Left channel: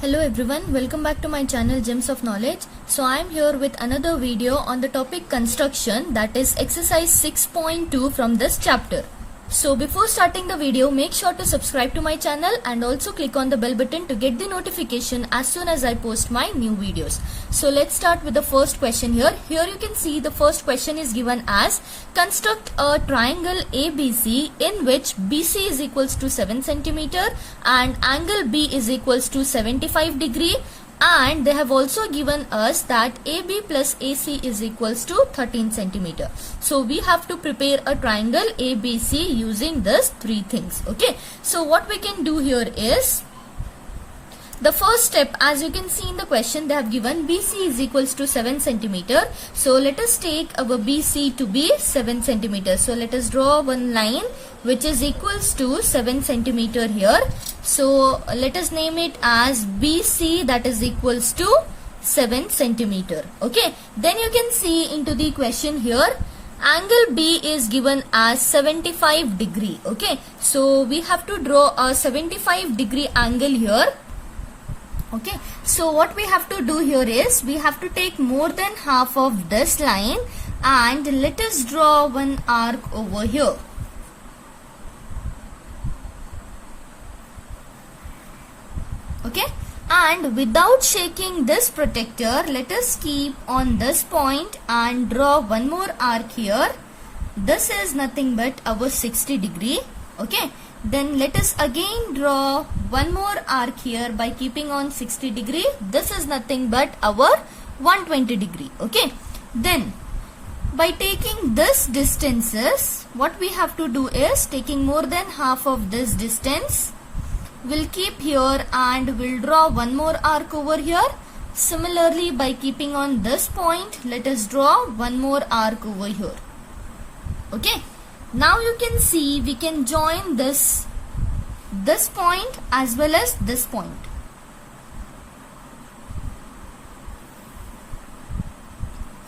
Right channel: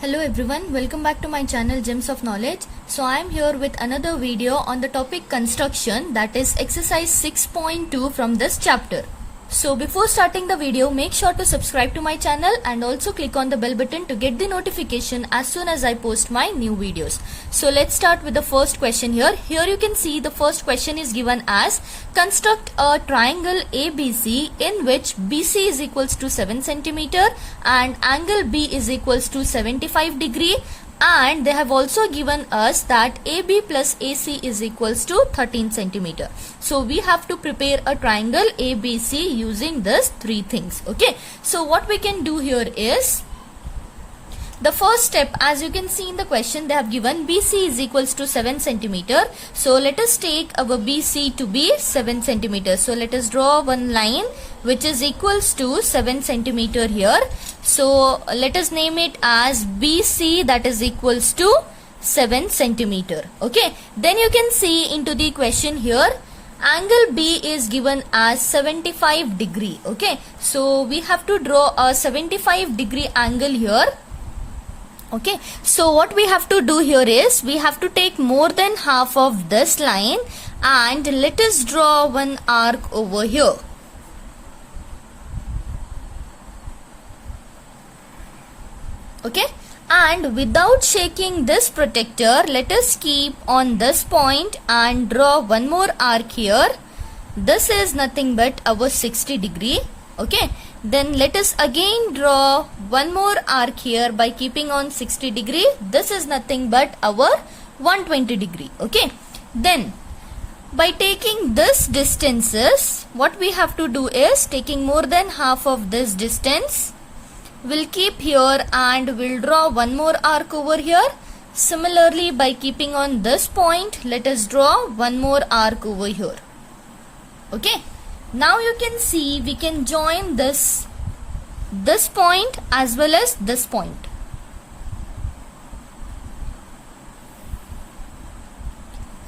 Hello everyone, welcome back to my channel Gems of Knowledge. So I am here with another video on the topic construction, that is exercise 6.2 from this chapter. So before starting the video, make sure to subscribe to my channel and also click on the bell button to get the notification as soon as I post my new videos. So let's start with the first question here. Here you can see the first question is given as construct a triangle ABC in which BC is equals to 7 centimeter and angle B is equals to 75 degree, and they have also given us that AB plus AC is equals to 13 centimeter. So we have to prepare a triangle ABC using this three things. Okay, so what we can do here is, the first step, as you can see in the question, they have given BC is equals to 7 centimeter. So let us take our BC to be 7 centimeter. So let us draw one line which is equals to 7 centimeter here. So let us name it as BC, that is equals to 7 centimeter. Okay, then you can see into the question here, angle B is given as 75 degree. Okay, so we have to draw a 75 degree angle here. Okay, so what we have to do here is, we have to take more than half of this line and let us draw one arc over here. Okay, and without shaking this protector, let us keep on this point and draw one more arc here. This is nothing but our 60 degree. Okay, then let us again draw one more arc here by keeping on 60 degree. This is nothing but our 120 degree. Okay, then by taking this distances, what we have to do is, taking more than half of this distance, we'll keep here and we'll draw one more arc over here. Similarly, by keeping on this point, let us draw one more arc over here. Okay, now you can see we can join this point as well as this point.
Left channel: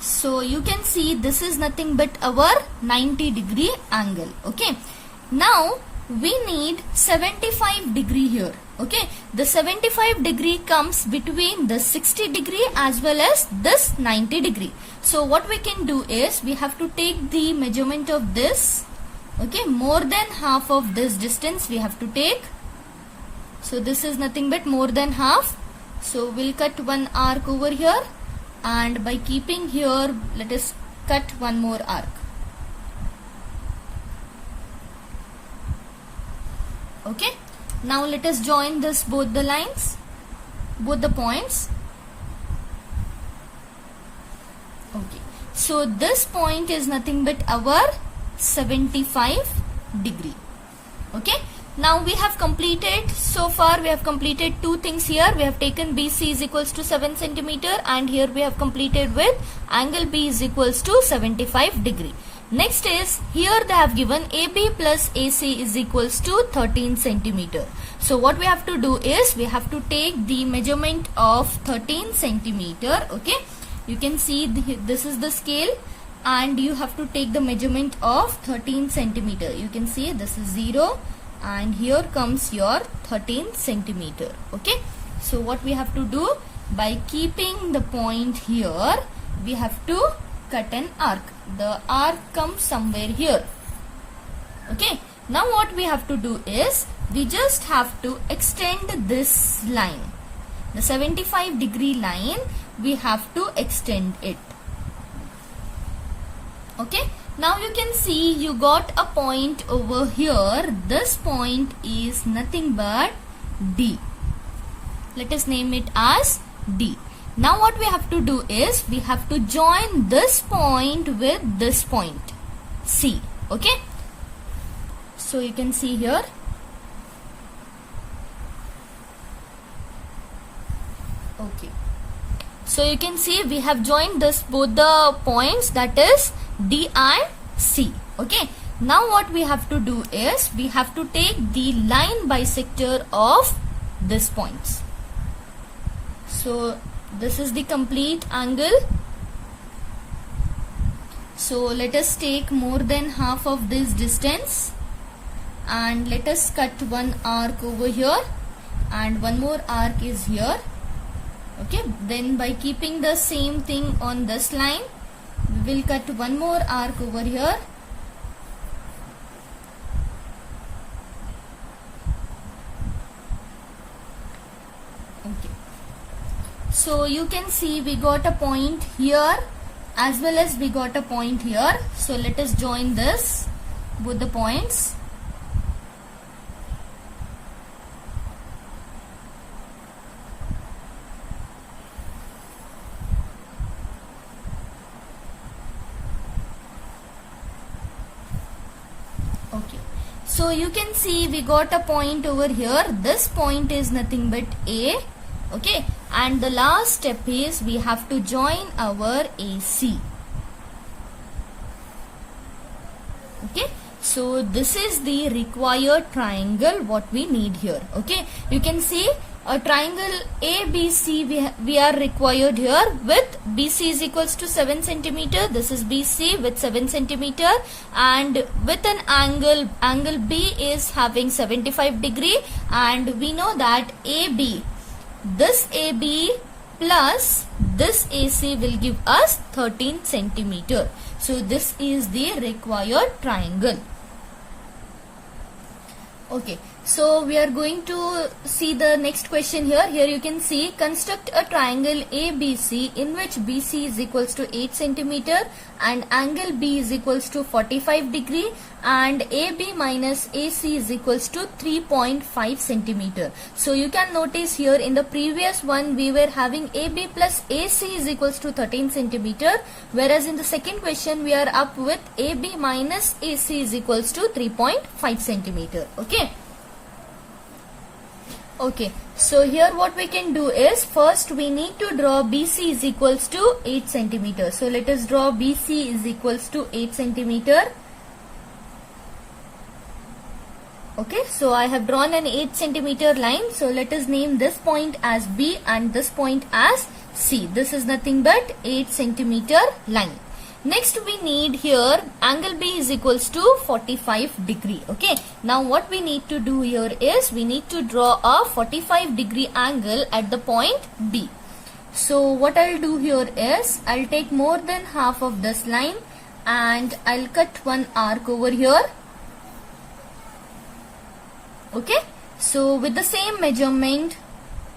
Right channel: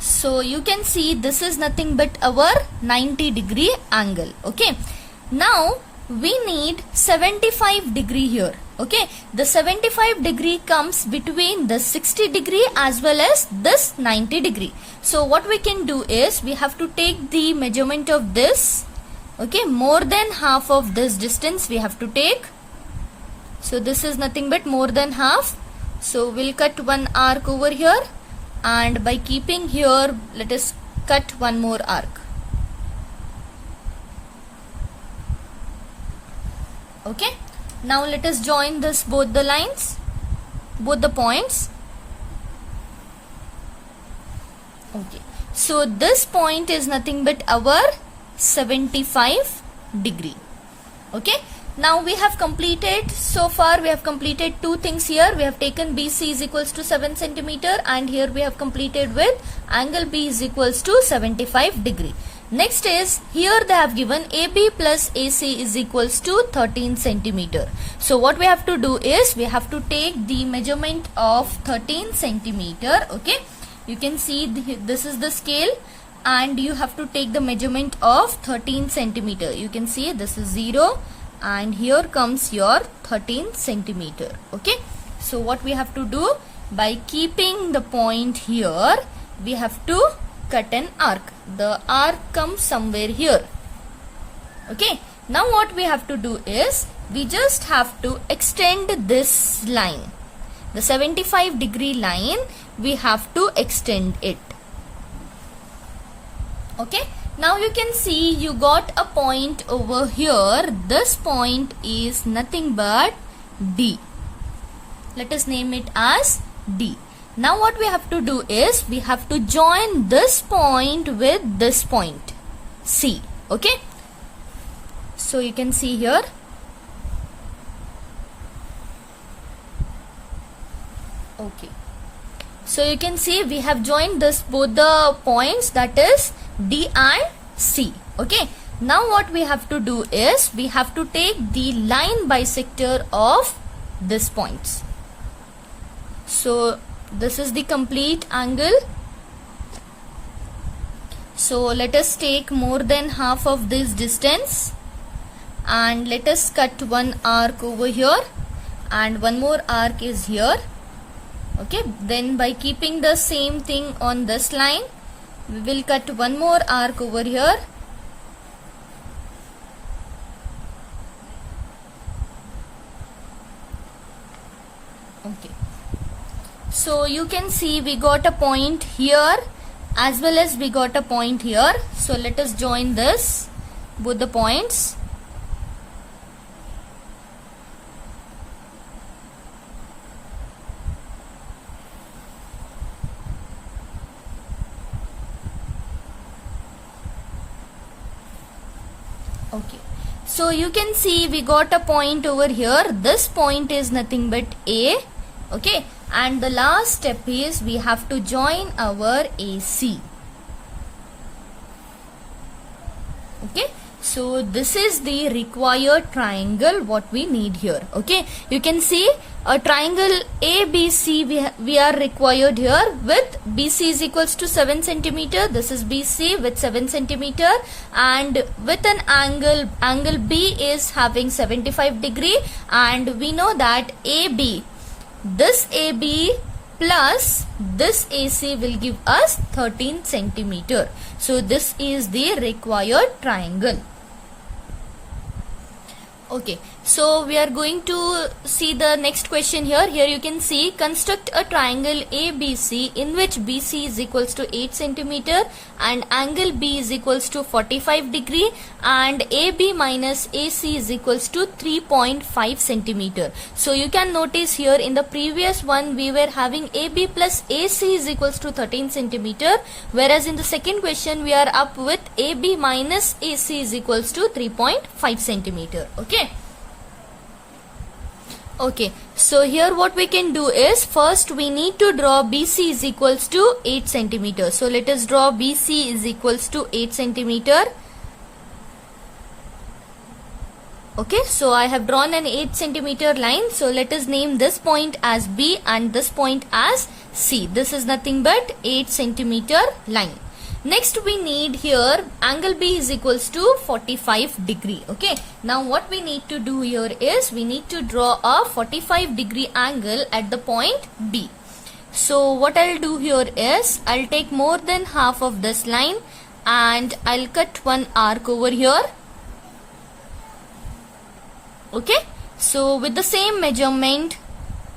So you can see this is nothing but our 90 degree angle. Okay, now we need 75 degree here. Okay, the 75 degree comes between the 60 degree as well as this 90 degree. So what we can do is, we have to take the measurement of this. Okay, more than half of this distance we have to take. So this is nothing but more than half. So we'll cut one arc over here, and by keeping here, let us cut one more arc. Okay, now let us join this, both the lines, both the points. Okay, so this point is nothing but our 75 degree. Okay, now we have completed, so far we have completed two things here. We have taken BC is equals to 7 centimeter, and here we have completed with angle B is equals to 75 degree. Next is, here they have given AB plus AC is equals to 13 centimeter. So what we have to do is, we have to take the measurement of 13 centimeter. Okay, you can see this is the scale, and you have to take the measurement of 13 centimeter. You can see this is 0 and here comes your 13 centimeter. Okay, so what we have to do, by keeping the point here, we have to cut an arc. The arc comes somewhere here. Okay, now what we have to do is, we just have to extend this line, the 75 degree line, we have to extend it. Okay, now you can see you got a point over here. This point is nothing but D. Let us name it as D. Now what we have to do is, we have to join this point with this point, C. Okay, so you can see here. Okay, so you can see we have joined this, both the points, that is D and C. Okay, now what we have to do is, we have to take the line bisector of this points. So this is the complete angle. So let us take more than half of this distance and let us cut one arc over here and one more arc is here. Okay, then by keeping the same thing on this line, we will cut one more arc over here. Okay, so you can see we got a point here as well as we got a point here. So let us join this, both the points. Okay, so you can see we got a point over here. This point is nothing but A. Okay, and the last step is we have to join our AC. Okay, so this is the required triangle what we need here. Okay, you can see a triangle ABC we are required here with BC is equals to 7 centimeter. This is BC with 7 centimeter, and with an angle B is having 75 degree, and we know that AB, this AB plus this AC will give us 13 centimeter. So this is the required triangle. Okay, so we are going to see the next question here. Here you can see, construct a triangle ABC in which BC is equals to 8 centimeter and angle B is equals to 45 degree and AB minus AC is equals to 3.5 centimeter. So you can notice here in the previous one we were having AB plus AC is equals to 13 centimeter, whereas in the second question we are up with AB minus AC is equals to 3.5 centimeter. Okay, so here what we can do is, first we need to draw BC is equals to 8 centimeter. So let us draw BC is equals to 8 centimeter. Okay, so I have drawn an 8 centimeter line. So let us name this point as B and this point as C. This is nothing but 8 centimeter line. Next we need here angle B is equals to 45 degree. Okay, now what we need to do here is we need to draw a 45 degree angle at the point B. So what I'll do here is I'll take more than half of this line and I'll cut one arc over here. Okay, so with the same measurement,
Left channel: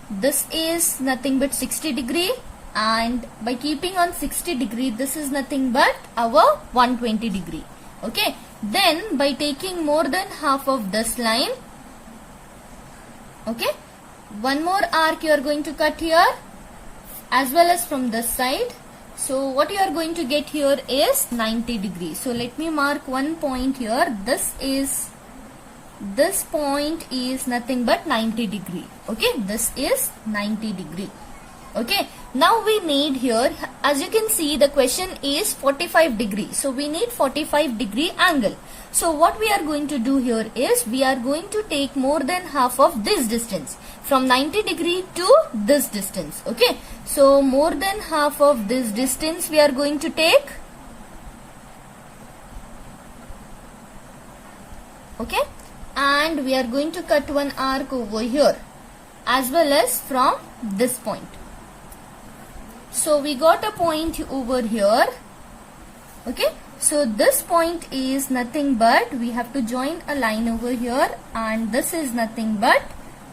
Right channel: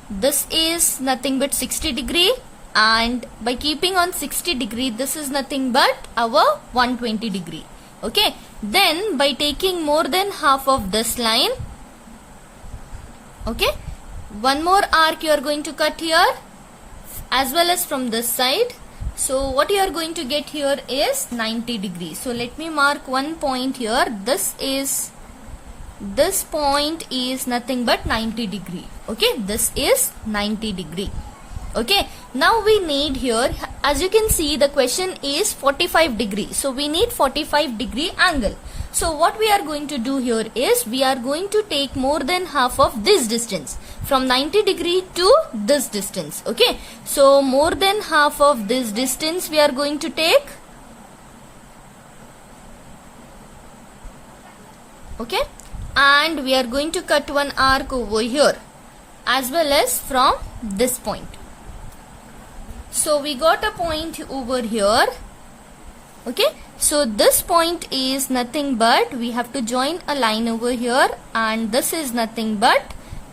this is nothing but 60 degree. And by keeping on 60 degree, this is nothing but our 120 degree. Okay, then by taking more than half of this line, okay, one more arc you are going to cut here as well as from this side. So what you are going to get here is 90 degree. So let me mark one point here. This point is nothing but 90 degree. Okay, this is 90 degree. Okay, now we need here, as you can see, the question is 45 degree. So we need 45 degree angle. So what we are going to do here is we are going to take more than half of this distance from 90 degree to this distance. Okay, so more than half of this distance we are going to take. Okay, and we are going to cut one arc over here as well as from this point. So we got a point over here. Okay, so this point is nothing but we have to join a line over here, and this is nothing but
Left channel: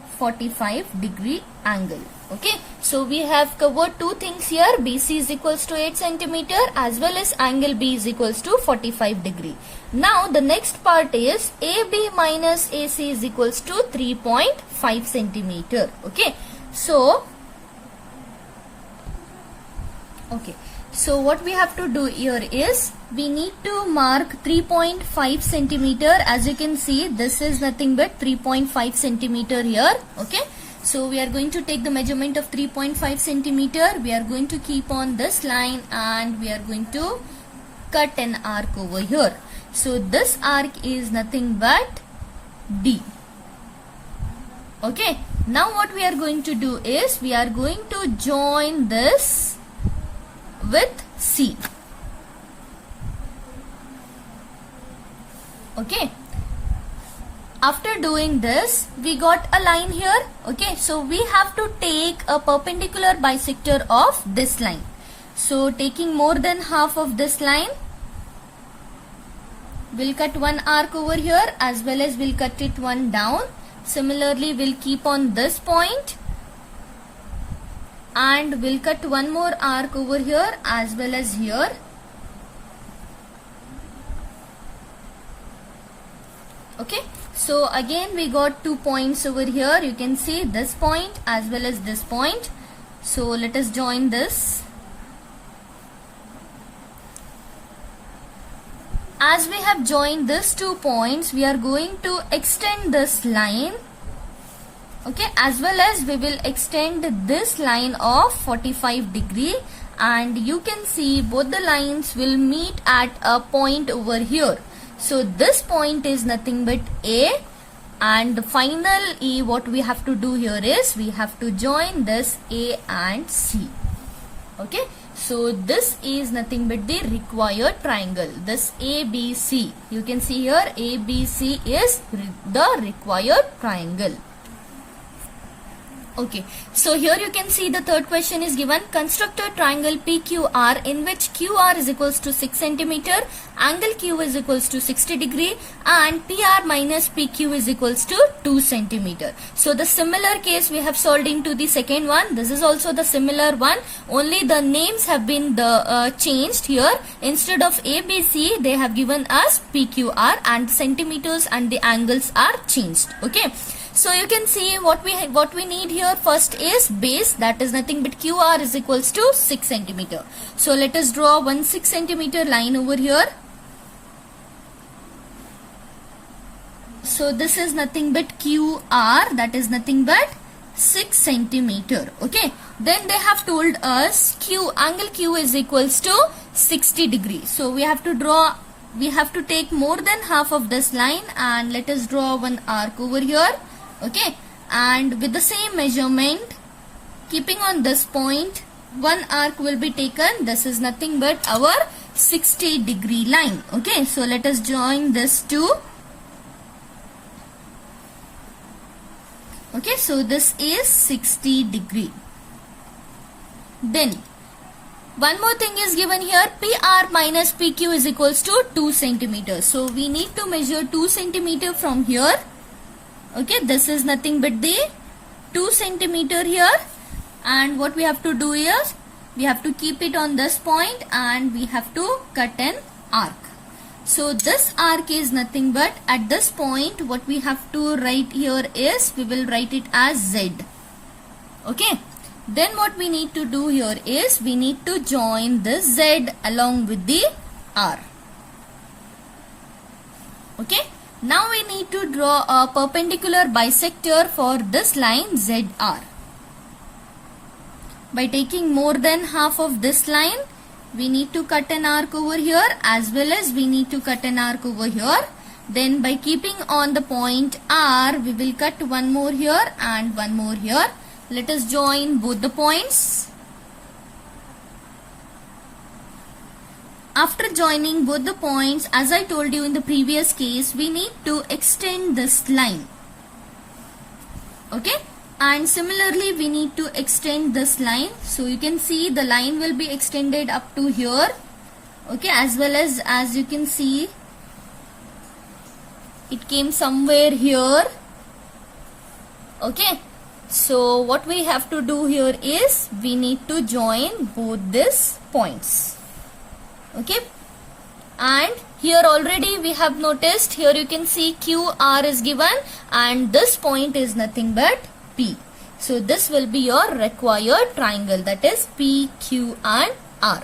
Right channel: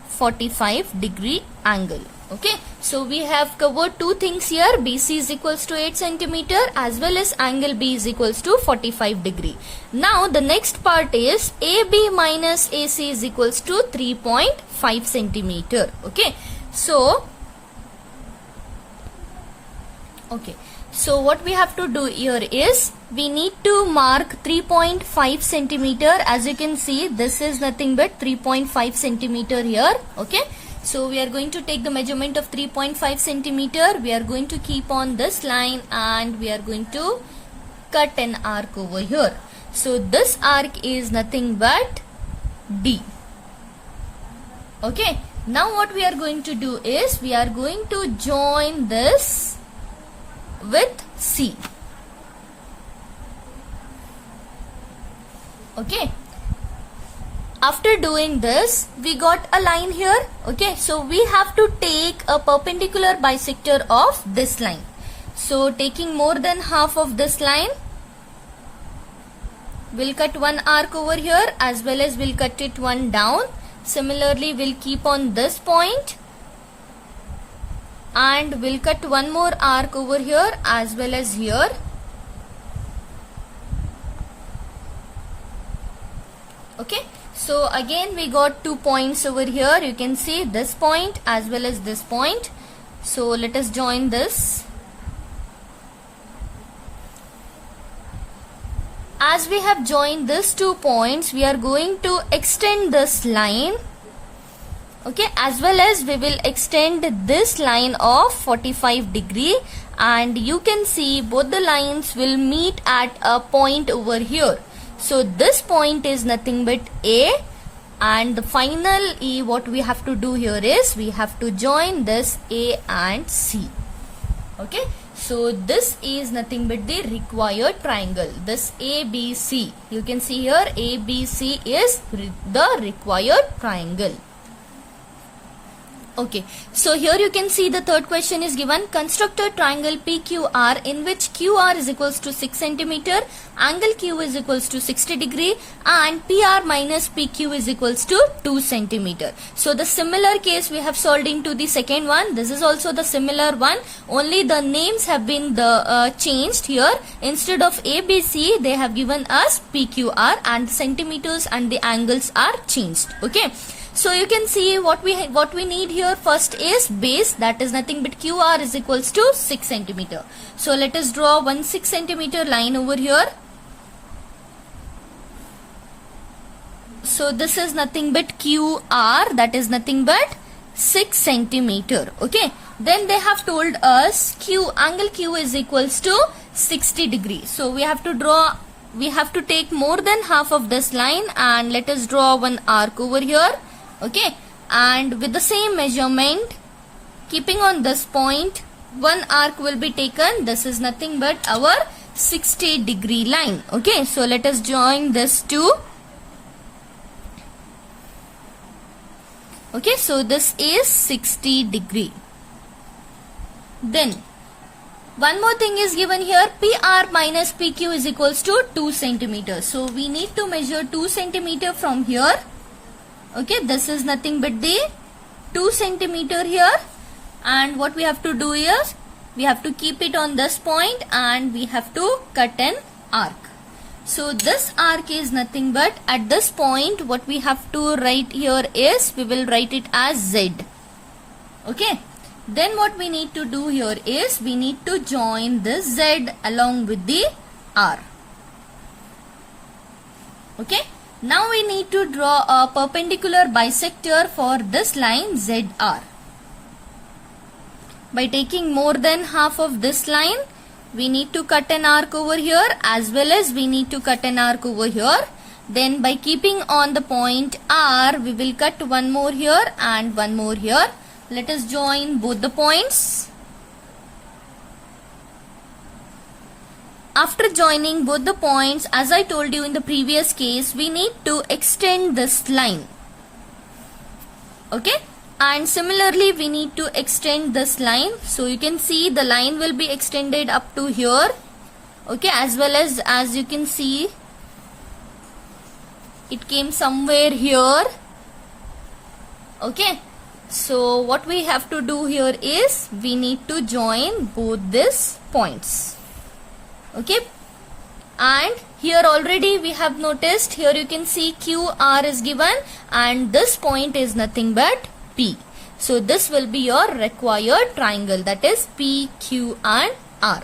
45 degree angle. Okay, so we have covered two things here. BC is equals to 8 centimeter as well as angle B is equals to 45 degree. Now the next part is AB minus AC is equals to 3.5 centimeter. Okay, so what we have to do here is we need to mark 3.5 centimeter. As you can see, this is nothing but 3.5 centimeter here. Okay, so we are going to take the measurement of 3.5 centimeter. We are going to keep on this line and we are going to cut an arc over here. So this arc is nothing but D. Okay, now what we are going to do is we are going to join this with C. Okay, After doing this, we got a line here. Okay, so we have to take a perpendicular bisector of this line. So taking more than half of this line, we'll cut one arc over here, as well as we'll cut it one down. Similarly, we'll keep on this point and we'll cut one more arc over here as well as here. Okay, so again we got 2 points over here. You can see this point as well as this point. So let us join this. As we have joined these 2 points, we are going to extend this line. Okay, as well as we will extend this line of 45 degree, and you can see both the lines will meet at a point over here. So this point is nothing but A, and the final E, what we have to do here is we have to join this A and C. Okay, so this is nothing but the required triangle. This ABC, you can see here ABC is the required triangle. Okay, so here you can see the third question is given. Construct a triangle PQR in which QR is equals to 6 centimeter, angle Q is equals to 60 degree, and PR minus PQ is equals to 2 centimeter. So the similar case we have solved into the second one. This is also the similar one. Only the names have been changed here. Instead of ABC, they have given us PQR, and the centimeters and the angles are changed. Okay. So you can see what we need here first is base, that is nothing but QR is equals to 6 centimeter. So let us draw one 6 centimeter line over here. So this is nothing but QR, that is nothing but 6 centimeter. Okay. Then they have told us angle Q is equals to 60 degree. So we have to take more than half of this line, and let us draw one arc over here. Okay, and with the same measurement, keeping on this point, one arc will be taken. This is nothing but our 60 degree line. Okay, so let us join this two. Okay, so this is 60 degree. Then one more thing is given here, PR minus PQ is equals to 2 centimeters. So we need to measure 2 centimeter from here. Okay, this is nothing but the 2 centimeter here, and what we have to do is we have to keep it on this point and we have to cut an arc. So this arc is nothing but at this point what we have to write here is we will write it as Z. Okay, then what we need to do here is we need to join this Z along with the R. Okay. Now we need to draw a perpendicular bisector for this line ZR. By taking more than half of this line, we need to cut an arc over here, as well as we need to cut an arc over here. Then by keeping on the point R, we will cut one more here and one more here. Let us join both the points. After joining both the points, as I told you in the previous case, we need to extend this line. Okay, and similarly we need to extend this line. So you can see the line will be extended up to here. Okay, as well as you can see it came somewhere here. Okay, so what we have to do here is we need to join both these points. Okay, and here already we have noticed, here you can see QR is given and this point is nothing but P. So this will be your required triangle, that is P, Q and R.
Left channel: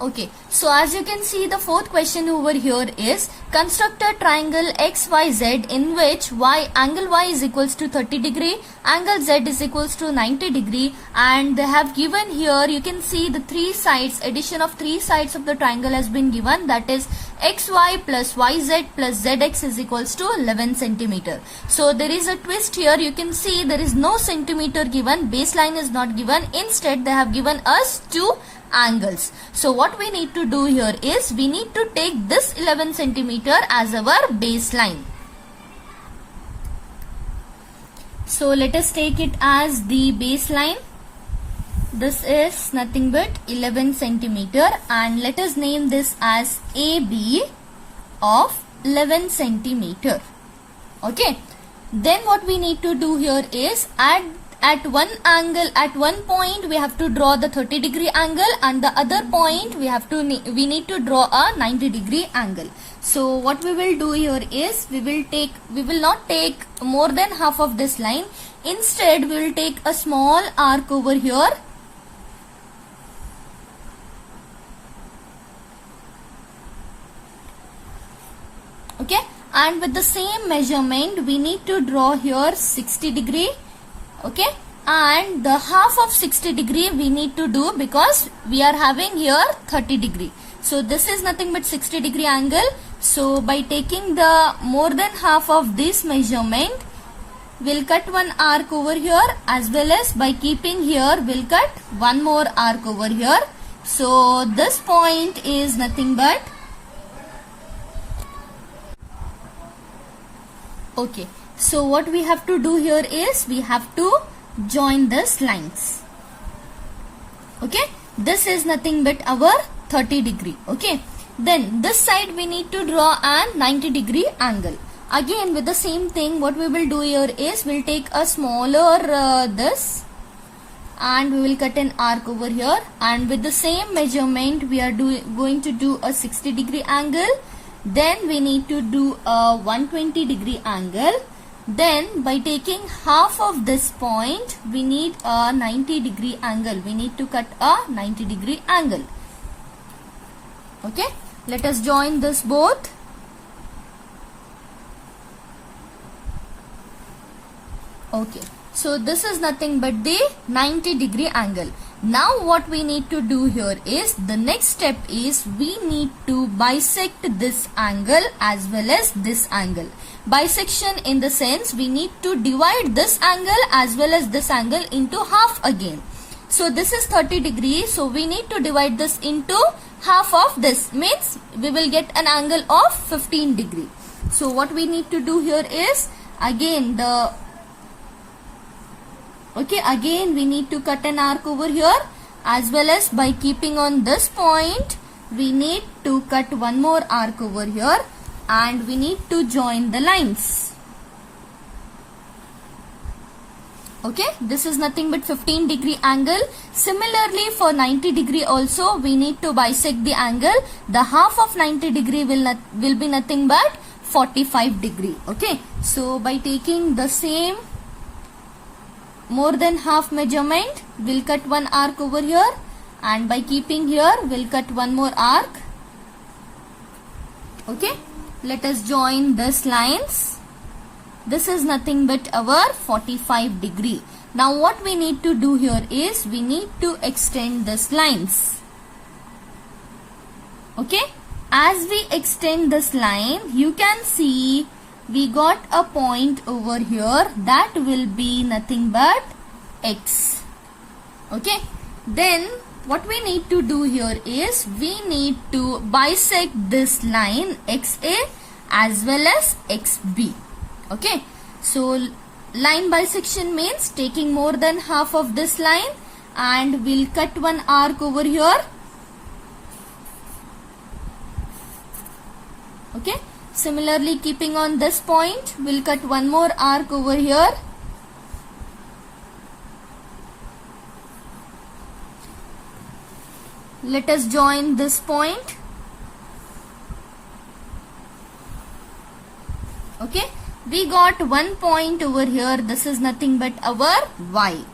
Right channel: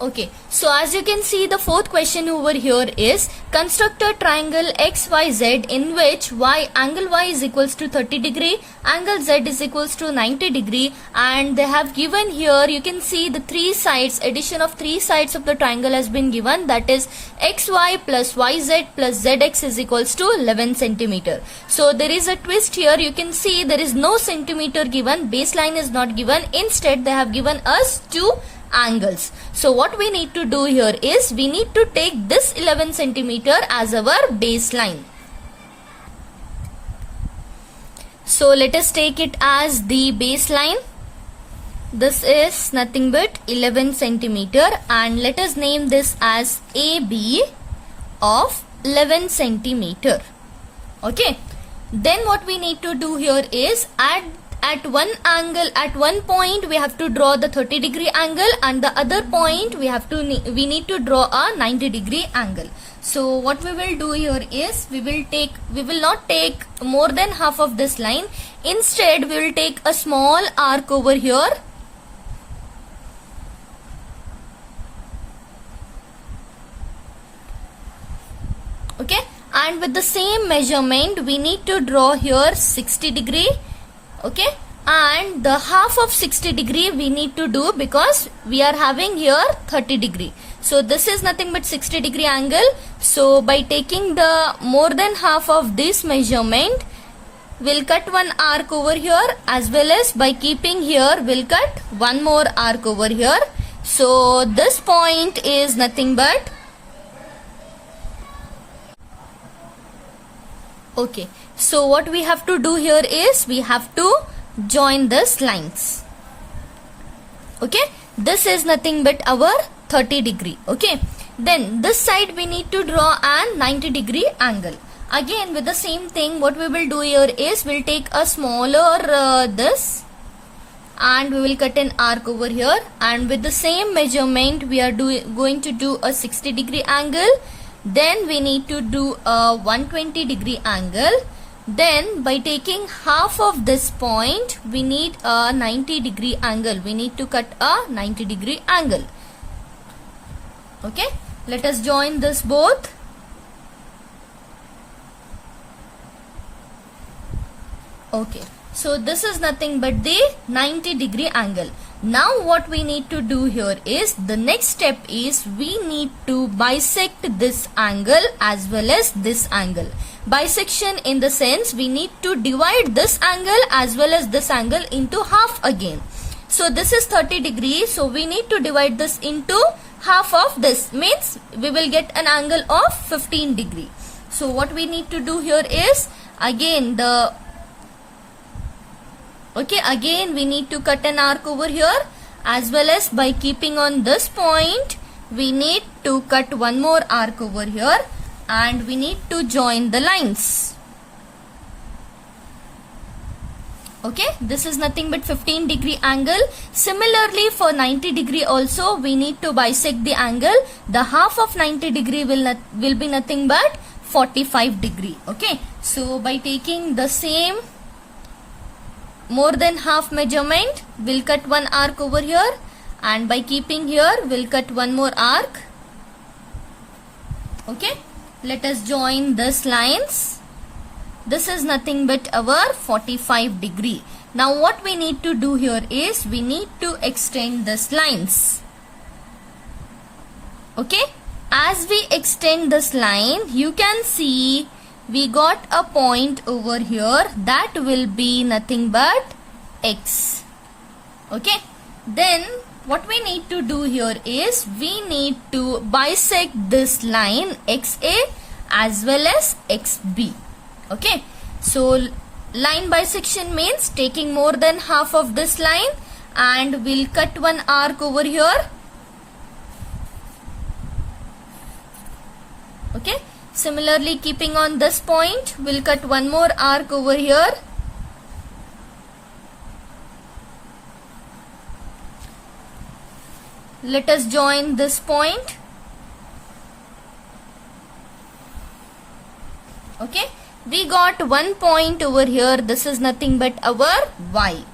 Okay, so as you can see, the fourth question over here is construct a triangle XYZ in which angle Y is equals to 30 degree, angle Z is equals to 90 degree, and they have given here, you can see the three sides, addition of three sides of the triangle has been given, that is XY plus YZ plus ZX is equals to 11 centimeter. So there is a twist here, you can see there is no centimeter given, baseline is not given, instead they have given us 2 angles. So what we need to do here is we need to take this 11 centimeter as our baseline. So let us take it as the baseline. This is nothing but 11 centimeter and let us name this as AB of 11 centimeter. Okay. Then what we need to do here is at one angle, at one point we have to draw the 30-degree angle, and the other point we need to draw a 90-degree angle. So what we will do here is we will not take more than half of this line. Instead we will take a small arc over here. Okay, and with the same measurement we need to draw here 60 degree. Okay, and the half of 60 degree we need to do because we are having here 30 degree. So this is nothing but 60 degree angle. So by taking the more than half of this measurement, we'll cut one arc over here, as well as by keeping here we'll cut one more arc over here. So this point is nothing but okay. So what we have to do here is we have to join these lines. Okay, this is nothing but our 30 degree. Okay, then this side we need to draw a 90 degree angle. Again with the same thing, what we will do here is we'll take a smaller this and we will cut an arc over here, and with the same measurement we are going to do a 60 degree angle. Then we need to do a 120 degree angle. Then by taking half of this point we need a 90 degree angle. We need to cut a 90 degree angle. Okay, let us join this both. Okay, so this is nothing but the 90 degree angle. Now what we need to do here is the next step is we need to bisect this angle as well as this angle. Bisection in the sense we need to divide this angle as well as this angle into half again. So this is 30 degrees, so we need to divide this into half of this, means we will get an angle of 15 degree. So what we need to do here is again again we need to cut an arc over here, as well as by keeping on this point we need to cut one more arc over here, and we need to join the lines. Okay, this is nothing but 15 degree angle. Similarly for 90 degree also we need to bisect the angle. The half of 90 degree will be nothing but 45 degree. Okay, so by taking the same more than half measurement, we'll cut one arc over here, and by keeping here we'll cut one more arc. Okay, let us join these lines. This is nothing but our 45 degree. Now what we need to do here is we need to extend these lines. Okay, as we extend this line, you can see we got a point over here that will be nothing but X. Okay, then what we need to do here is we need to bisect this line XA as well as XB. Okay, so line bisection means taking more than half of this line, and we'll cut one arc over here. Okay, similarly keeping on this point we'll cut one more arc over here. Let us join this point. Okay, we got one point over here. This is nothing but our Y.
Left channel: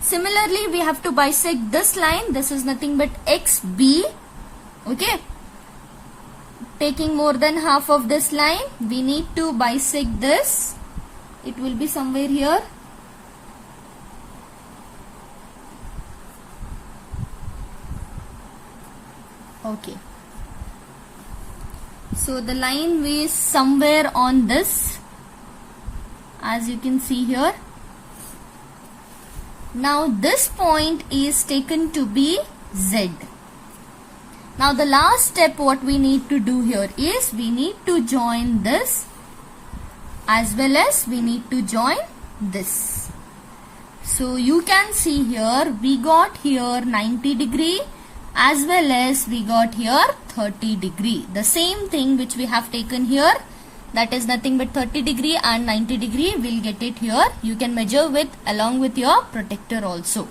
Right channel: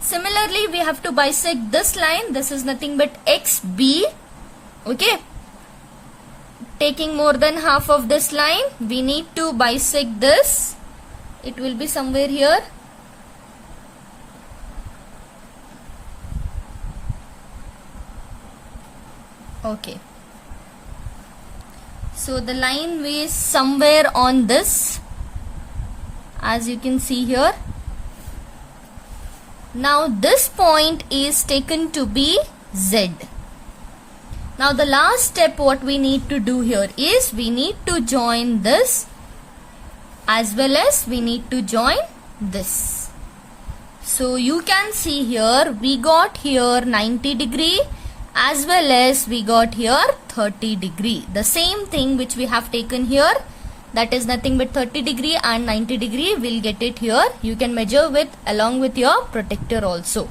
Similarly we have to bisect this line. This is nothing but XB. Okay, taking more than half of this line we need to bisect this. It will be somewhere here. Okay, so the line is somewhere on this, as you can see here. Now this point is taken to be Z. Now the last step what we need to do here is we need to join this as well as we need to join this. So you can see here we got here 90 degree as well as we got here 30 degree. The same thing which we have taken here, that is nothing but 30 degree and 90 degree, we'll get it here. You can measure with along with your protector also.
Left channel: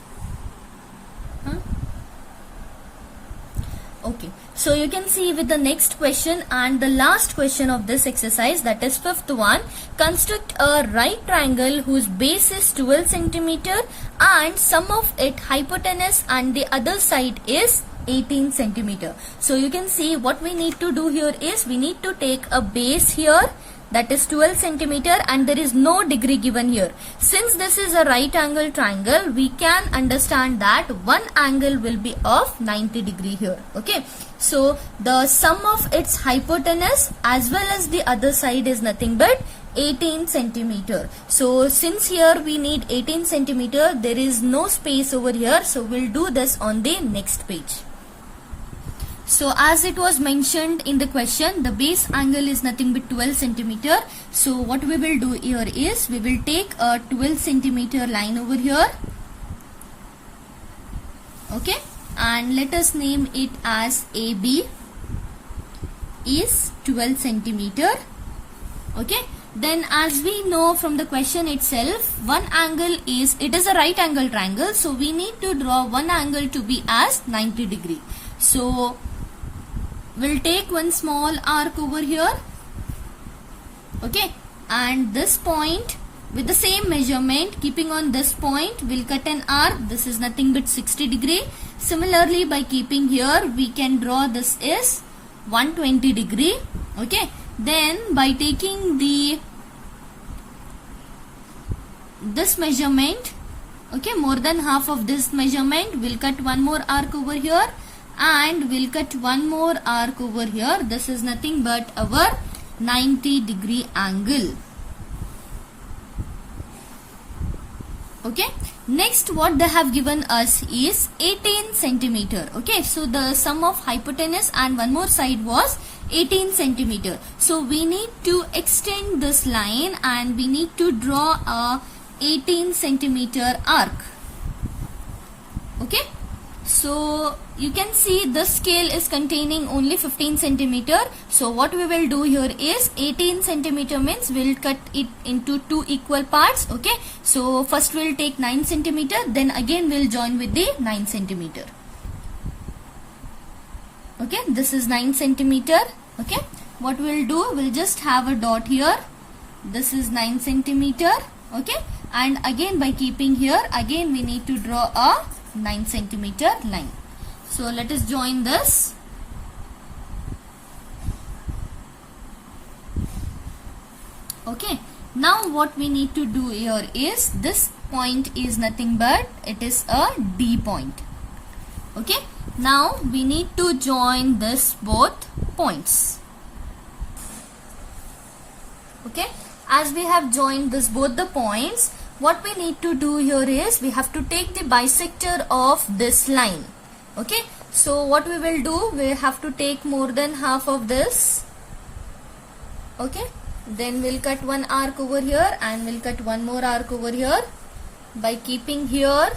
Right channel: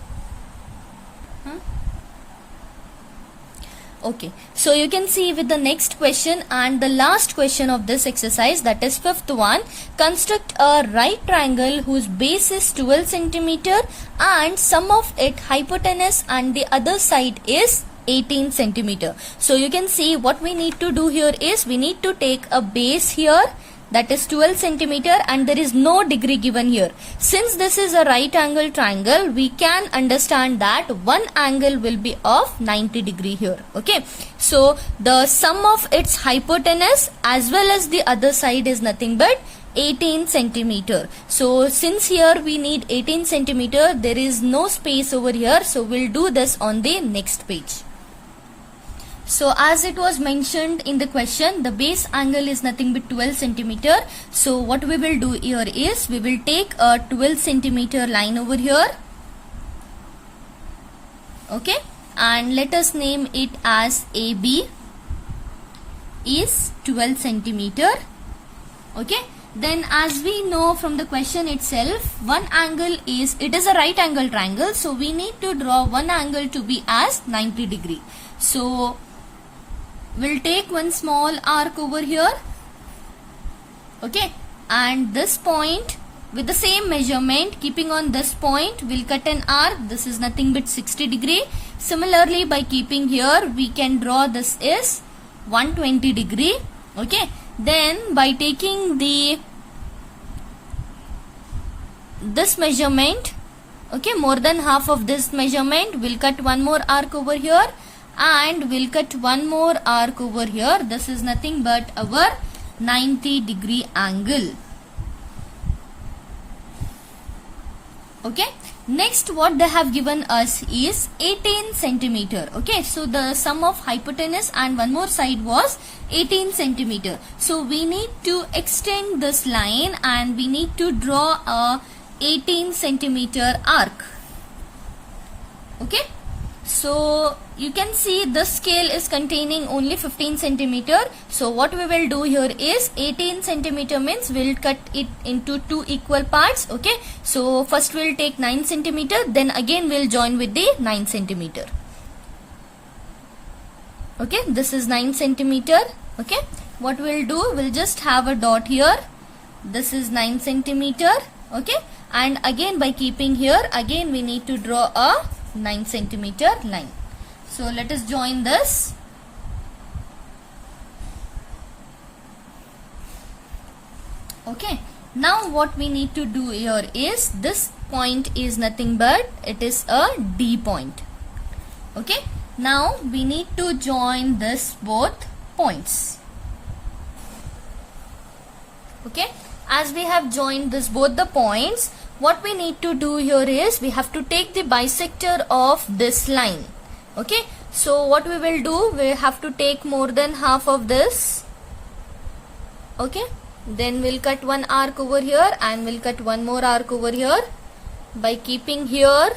Okay, so you can see with the next question and the last question of this exercise, that is fifth one. Construct a right triangle whose base is 12 centimeter and sum of its hypotenuse and the other side is 18 centimeter. So you can see what we need to do here is we need to take a base here, that is 12 centimeter, and there is no degree given here. Since this is a right angle triangle, we can understand that one angle will be of 90 degree here. Okay, so the sum of its hypotenuse as well as the other side is nothing but 18 centimeter. So since here we need 18 centimeter, there is no space over here, so we'll do this on the next page. So as it was mentioned in the question, the base angle is nothing but 12 centimeter. So what we will do here is we will take a 12 centimeter line over here. Okay, and let us name it as AB is 12 centimeter. Okay, then as we know from the question itself, one angle is, it is a right angle triangle, so we need to draw one angle to be as 90 degree. So we'll take one small arc over here. Okay, and this point with the same measurement, keeping on this point, we'll cut an arc. This is nothing but 60 degree. Similarly, by keeping here, we can draw this is 120 degree. Okay, then by taking this measurement, okay, more than half of this measurement, we'll cut one more arc over here and we'll cut one more arc over here. This is nothing but our 90 degree angle. Okay, next what they have given us is 18 centimeter. Okay, so the sum of hypotenuse and one more side was 18 centimeter. So we need to extend this line and we need to draw a 18 centimeter arc. Okay, so you can see this scale is containing only 15 centimeter. So what we will do here is 18 centimeter means we'll cut it into two equal parts. Okay, so first we'll take 9 centimeter, then again we'll join with the 9 centimeter. Okay, this is 9 centimeter. Okay, what we'll do, we'll just have a dot here. This is 9 centimeter. Okay, and again by keeping here, again we need to draw a 9 centimeter line. So let us join this. Okay, now what we need to do here is this point is nothing but it is a D point. Okay, now we need to join this both points. Okay, as we have joined this both the points, what we need to do here is we have to take the bisector of this line. Okay, so what we will do, we have to take more than half of this. Okay, then we'll cut one arc over here and we'll cut one more arc over here. By keeping here,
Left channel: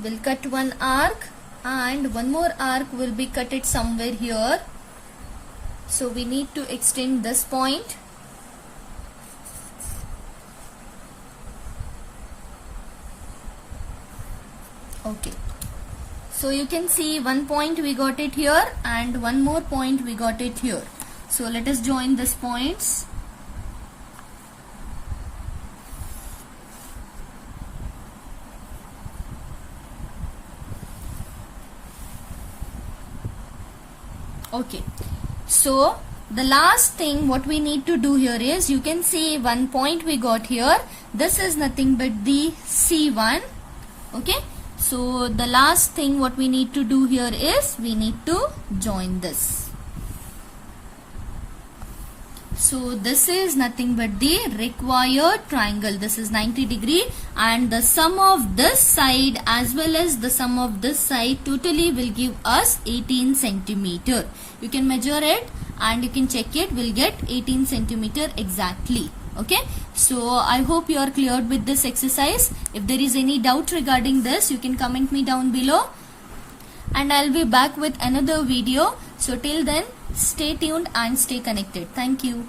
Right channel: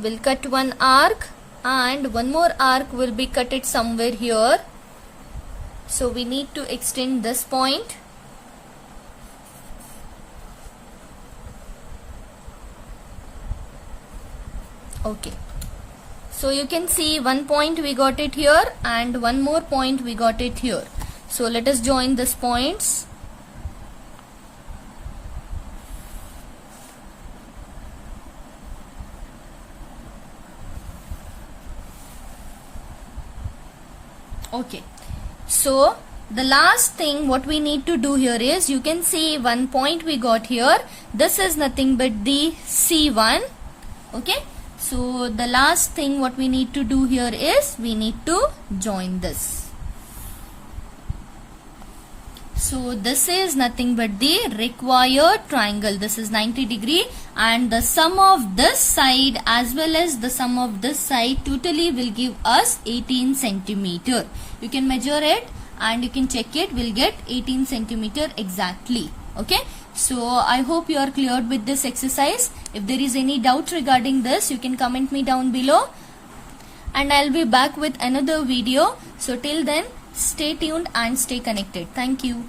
we'll cut one arc and one more arc will be cut it somewhere here. So we need to extend this point. Okay, so you can see one point we got it here and one more point we got it here. So let us join these points. Okay, so the last thing what we need to do here is, you can see one point we got here. This is nothing but the C1. Okay, so the last thing what we need to do here is we need to join this. So this is nothing but the required triangle. This is 90 degree, and the sum of this side as well as the sum of this side totally will give us 18 centimeter. You can measure it and you can check it. We'll get 18 centimeter exactly. Okay. So I hope you are cleared with this exercise. If there is any doubt regarding this, you can comment me down below, and I'll be back with another video. So till then, stay tuned and stay connected. Thank you.